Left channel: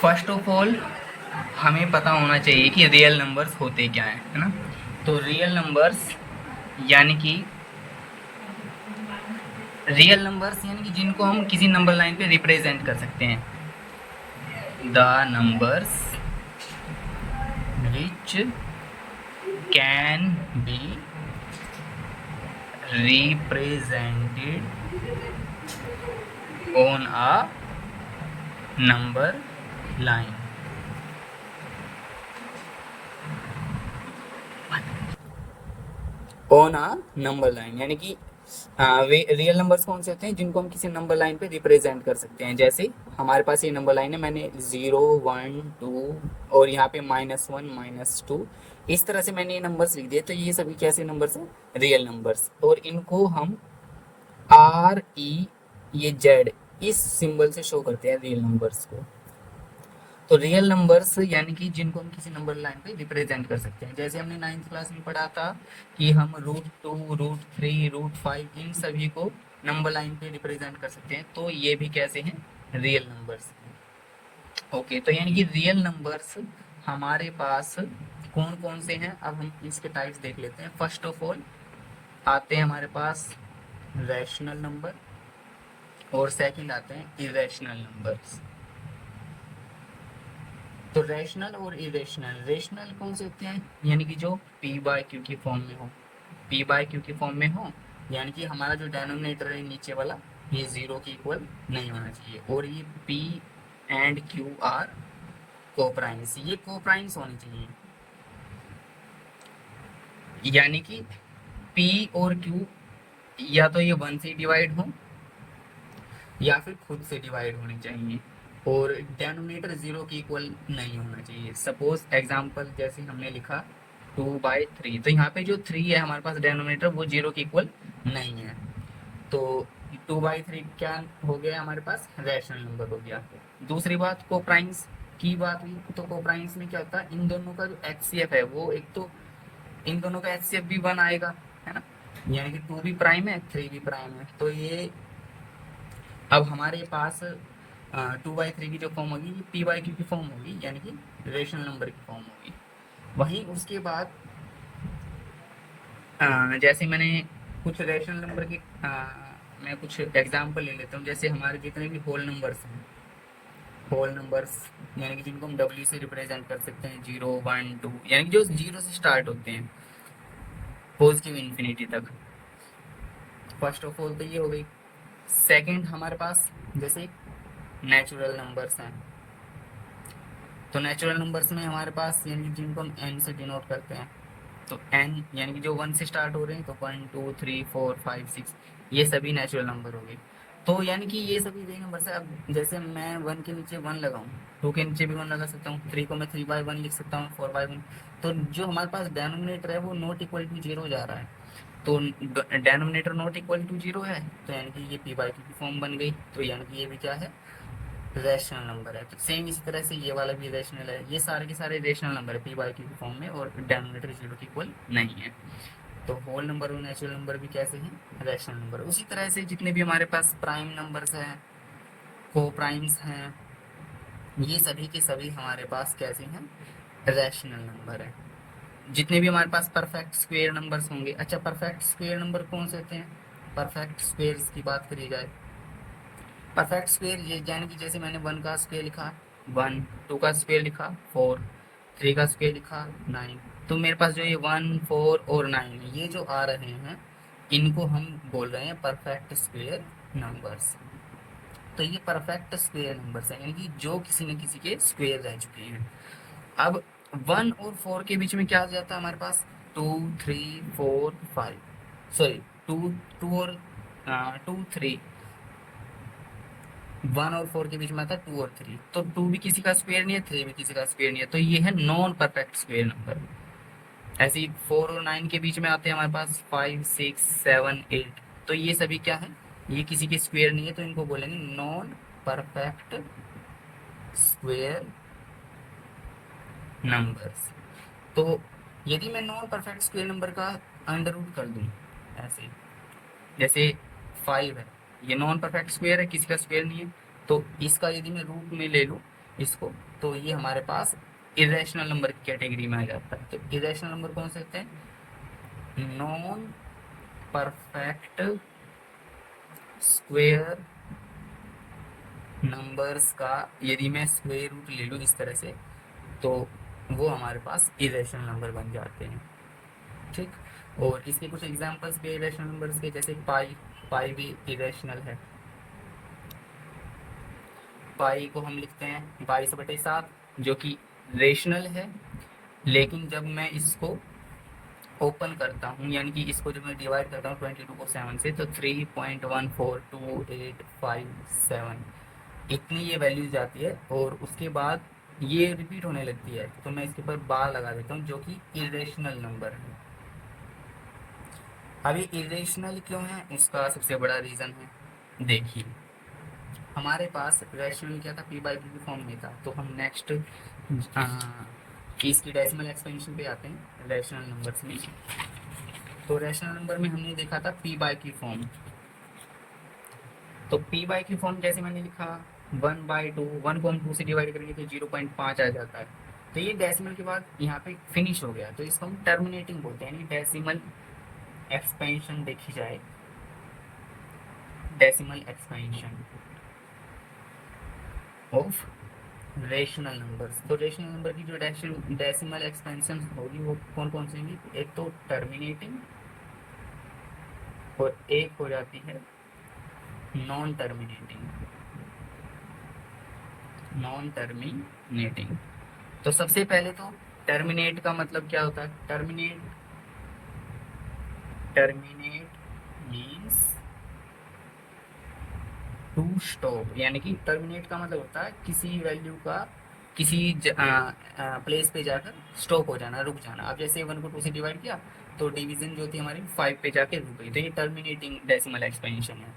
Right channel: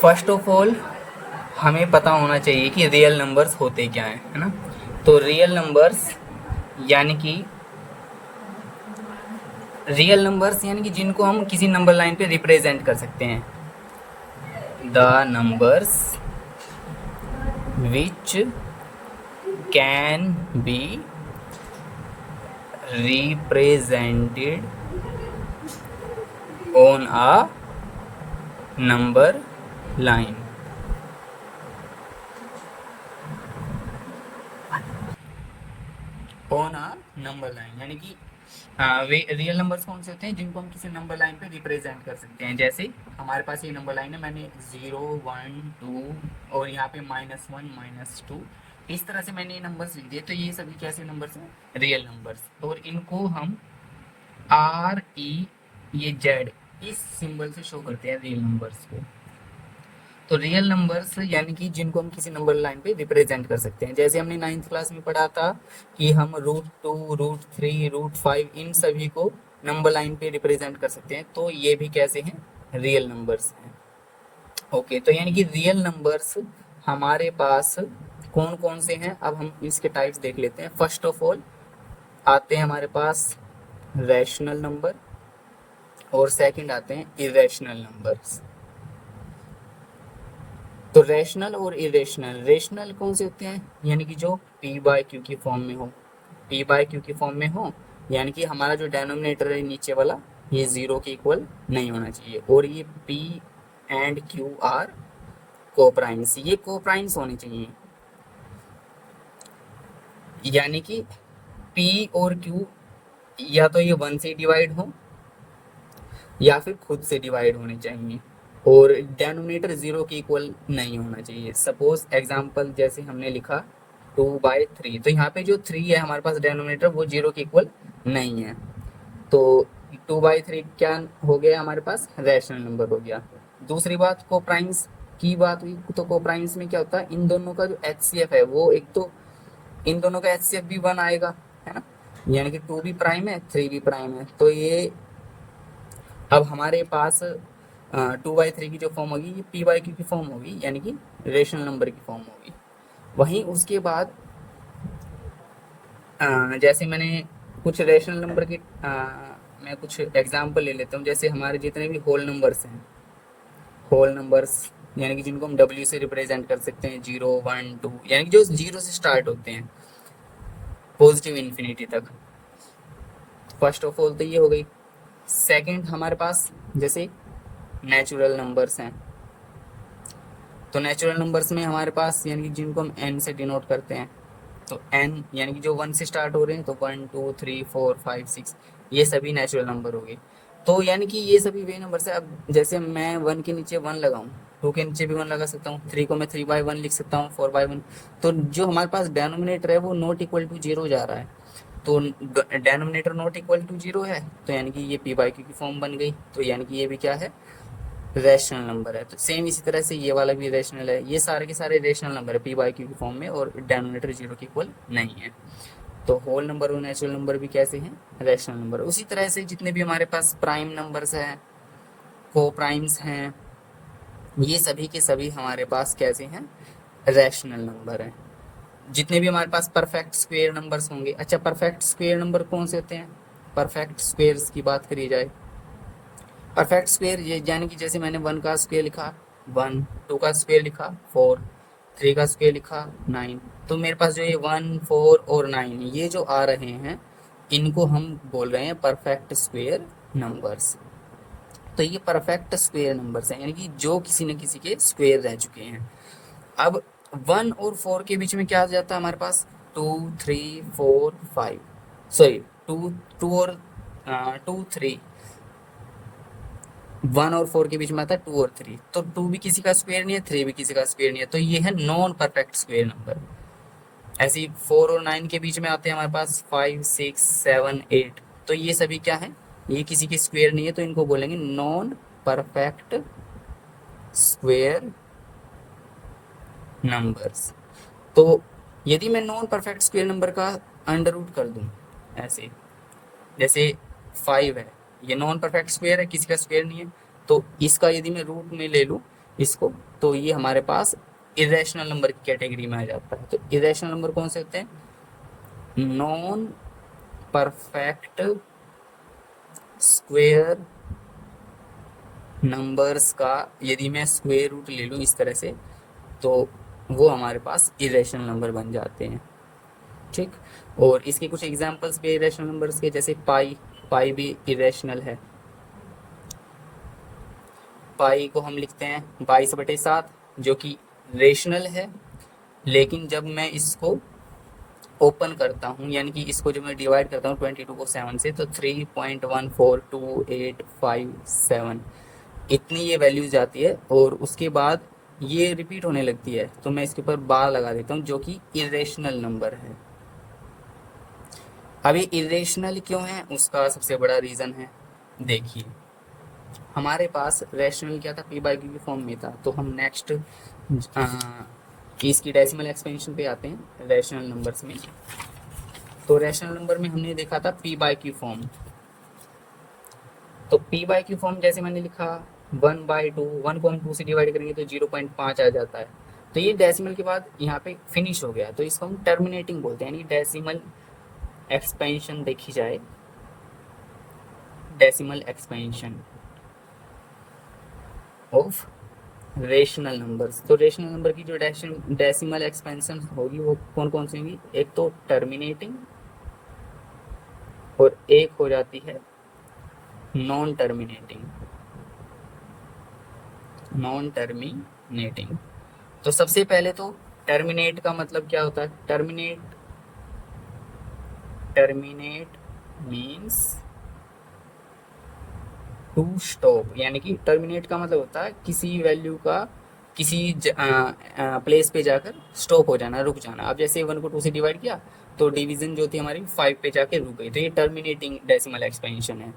First of all हमें पता होना चाहिए कि रियल नंबर्स होते क्या हैं, है ना। तो रियल नंबर्स यानी कि जिनको हम किसी नंबर लाइन पे रिप्रेजेंट कर सकते हैं। The numbers which can be represented on a number line। On a number line यानी कि वे रियल नंबर्स कौन से होते हैं जिनको हम किसी नंबर लाइन पे रिप्रेजेंट कर सकते हैं। जैसे हमारे पास ये नंबर लाइन है, मैंने 0 1 2 और यहाँ पे -1 -2 इस तरह से मैंने ये नंबर्स लिख दिए। तो ये सभी कैसे नंबर्स हैं? Real numbers. और इनको हम RE ये जेड इस सिंबल से शो करते हैं रियल नंबर्स को। तो रियल नंबर्स यानी कि जिनको हम किसी नंबर लाइन पे रिप्रेजेंट कर सकते हैं। जैसे हमने 9th क्लास में पढ़ा था कि हम √2 √3 √5 इन सभी को नंबर लाइन पे रिप्रेजेंट कर सकते हैं। तो ये भी कैसे हैं? रियल नंबर्स हैं। ओके, तो यानी कि रियल नंबर्स हमारे पास कौन कौन से हैं, अब हम इसके टाइप्स देख लेते हैं। फर्स्ट ऑफ ऑल आते हैं हमारे पास रैशनल नंबर और सेकंड आते हैं इरेशनल नंबर्स। तो रैशनल और इरेशनल, रेशनल कौन से होते हैं? यानी कि जो पी बाय क्यू की फॉर्म में हो, पी बाय क्यू की फॉर्म में हो, यानी कि हमारा जो डेनोमिनेटर है नीचे वाला ये जीरो के इक्वल नहीं होना चाहिए। और ये P and Q R coprimes, ये कोप्राइम्स होने चाहिए। यानी कि पी और क्यू या तो ये 1 से डिवाइड हो या फिर खुद से डिवाइड होने चाहिए और डेनोमिनेटर जीरो के इक्वल नहीं होना चाहिए। सपोज एग्जांपल जैसे हमने लिखा 2/3, तो यहाँ पे जो 3 है हमारे पास डेनोमिनेटर वो जीरो के इक्वल नहीं है। तो 2/3 क्या हो गया हमारे पास? रैशनल नंबर हो गया। दूसरी बात कोप्राइम्स की बात हुई, तो कोप्राइम्स में क्या होता है, इन दोनों का जो HCF है वो एक तो इन दोनों का HCF भी 1 आएगा, है ना। यानी कि 2 भी प्राइम है 3 भी प्राइम है। तो ये अब हमारे पास 2/3 की जो फॉर्म होगी ये P/Q की फॉर्म होगी, यानी कि रेशनल नंबर की फॉर्म होगी। वहीं उसके बाद जैसे मैंने कुछ रेशनल नंबर की मैं कुछ एग्जांपल ले लेता हूँ। जैसे हमारे जितने भी होल नंबर्स हैं, होल नंबर्स यानी कि जिनको हम W से रिप्रेजेंट कर सकते हैं, 0 1 2, यानी कि जो जीरो से स्टार्ट होते हैं पॉजिटिव इन्फिनिटी तक। फर्स्ट ऑफ ऑल तो ये हो गई। सेकंड हमारे पास जैसे नेचुरल नंबर्स हैं, तो नेचुरल नंबर्स में हमारे पास यानी कि जिनको हम n से डिनोट करते हैं, तो n यानी कि जो 1 से स्टार्ट हो रहे हैं, तो 1 2 3 4 5 6 ये सभी नेचुरल नंबर हो गए। तो यानी कि ये सभी वे नंबर्स है। अब जैसे मैं 1 के नीचे 1 लगाऊं, 2 के नीचे भी 1 लगा सकता हूँ, 3 को मैं 3/1 लिख सकता हूँ, 4/1। तो जो हमारे पास डेनोमिनेटर है वो नॉट इक्वल टू जीरो जा रहा है। तो denominator not equal to zero है, तो यानी कि ये P/Q की फॉर्म बन गई। तो यानी कि ये भी क्या है? रैशनल नंबर है। तो सेम इसी तरह से ये वाला भी रैशनल है। ये सारे के सारे रैशनल नंबर है P/Q की फॉर्म में और डेनोमिनेटर जीरो के इक्वल नहीं है। तो होल नंबर और नेचुरल नंबर भी कैसे हैं? Rational number. उसी तरह से जितने भी हमारे पास प्राइम नंबर्स हैं, को प्राइम्स हैं, ये सभी के सभी हमारे पास कैसे हैं? रैशनल नंबर हैं। जितने भी हमारे पास परफेक्ट स्क्वायर नंबर्स होंगे, अच्छा परफेक्ट स्क्वायर नंबर कौन से होते हैं? परफेक्ट स्क्वायर्स की बात करी जाए, परफेक्ट स्क्वायर ये यानी कि जैसे मैंने 1 का स्क्वायर लिखा 1, 2 का स्क्वायर लिखा 4, 3 का स्क्वायर लिखा 9। तो मेरे पास जो ये 1 4 और 9 ये जो आ रहे हैं इनको हम बोल रहे हैं परफेक्ट स्क्वायर नंबर्स। तो ये परफेक्ट स्क्वायर नंबर्स हैं, यानी कि जो किसी न किसी के स्क्वायर रह चुके हैं। अब 1 और 4 के बीच में क्या आ जाता है हमारे पास? 2 3 4 5, सॉरी 2 2 और 2 3, 1 और 4 के बीच में आता है 2 और 3। तो 2 भी किसी का स्क्वायर नहीं है, 3 भी किसी का स्क्वायर नहीं है, तो ये है नॉन परफेक्ट स्क्वायर नंबर। ऐसे ही 4 और 9 के बीच में आते हैं हमारे पास 5 6 7 8। तो ये सभी क्या है? ये किसी के स्क्वायर नहीं है, तो इनको बोलेंगे नॉन परफेक्ट स्क्वायर नंबर्स। तो यदि मैं नॉन परफेक्ट स्क्वायर नंबर का अंडर रूट कर दूं ऐसे, जैसे 5 है, ये नॉन परफेक्ट स्क्वायर है, किसी का स्क्वायर नहीं है, तो इसका यदि मैं रूट में ले लूँ इसको, तो ये हमारे पास इरेशनल नंबर की कैटेगरी में आ जाता है। तो इरेशनल नंबर कौन से होते हैं? नॉन परफेक्ट स्क्वायर नंबर्स का यदि मैं स्क्वायर रूट ले लूँ इस तरह से, तो वो हमारे पास इरेशनल नंबर बन जाते हैं। ठीक, और इसके कुछ एग्जांपल्स भी इरेशनल नंबर्स के, जैसे पाई, पाई भी इरेशनल है। पाई को हम लिखते हैं 22/7, जो कि रेशनल है, लेकिन जब मैं इसको ओपन करता हूँ, यानी कि इसको जब मैं डिवाइड करता हूँ 22 को 7 से, तो 3.14287 इतनी ये वैल्यूज आती है, और उसके बाद ये रिपीट होने लगती है, तो मैं इसके ऊपर बार लगा देता हूँ, जो कि इरेशनल नंबर है। अब ये इरेशनल क्यों है, उसका सबसे बड़ा रीज़न है, देखिए हमारे पास रैशनल क्या था, पी बाई क्यू की फॉर्म में था। तो हम नेक्स्ट इसकी डेसिमल एक्सपेंशन पे आते हैं रैशनल नंबर्स में। तो रैशनल नंबर में हमने देखा था पी बाई क्यू फॉर्म। तो पी बाई क्यू फॉर्म जैसे मैंने लिखा 1/2, 1.2 से डिवाइड करेंगे तो 0.5 आ जाता है। तो ये डेसिमल के बाद यहाँ पे फिनिश हो गया, तो इसको हम टर्मिनेटिंग बोलते हैं, यानी डेसिमल एक्सपेंशन देखी जाए, decimal expansion of rational numbers. तो रेशनल नंबर की जो डेसिमल एक्सपेंशन होगी वो कौन कौन सी होंगी? एक तो टर्मिनेटिंग, और एक हो जाती है नॉन टर्मिनेटिंग। नॉन टर्मिनेटिंग, तो सबसे पहले तो टर्मिनेट का मतलब क्या होता है? Terminate, terminate means to stop, यानी कि टर्मिनेट का मतलब होता है किसी वैल्यू का किसी प्लेस पे जाकर स्टॉप हो जाना, रुक जाना। अब जैसे 1 को 2 से डिवाइड किया, तो डिवीजन जो थी हमारी 5 पे जाके रुक गई, तो ये टर्मिनेटिंग डेसिमल एक्सपेंशन है।